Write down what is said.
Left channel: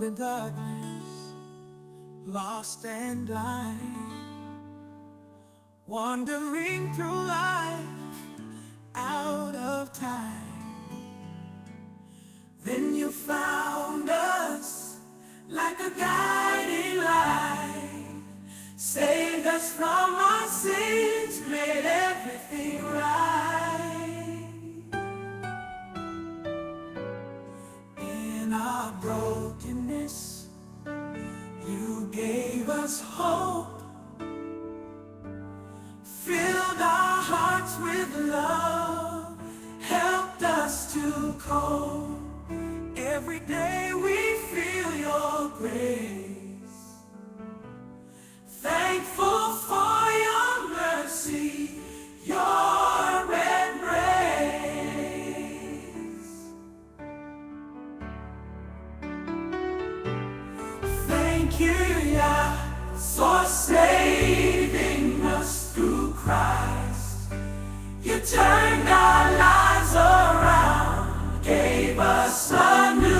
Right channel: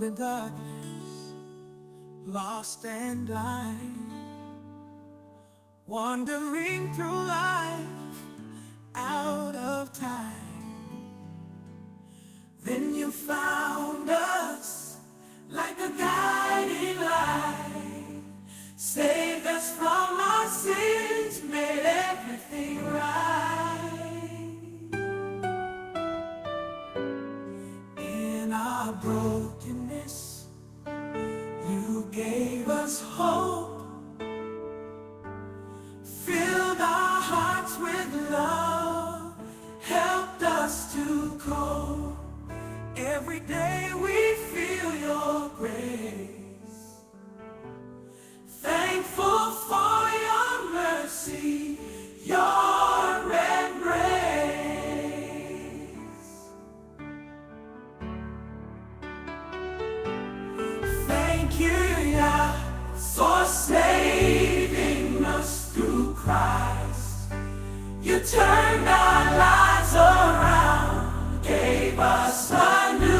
the darkness, lost and blind, wandering through life out of time. Then you found us like a guiding light, saved us from our sins, made everything right. In our brokenness, you gave us hope, filled our hearts with love, helped us to cope. Every day we feel your grace, thankful for your mercy, your embrace. Thank you, Yah, for saving us through Christ. You turned our lives around, gave us a new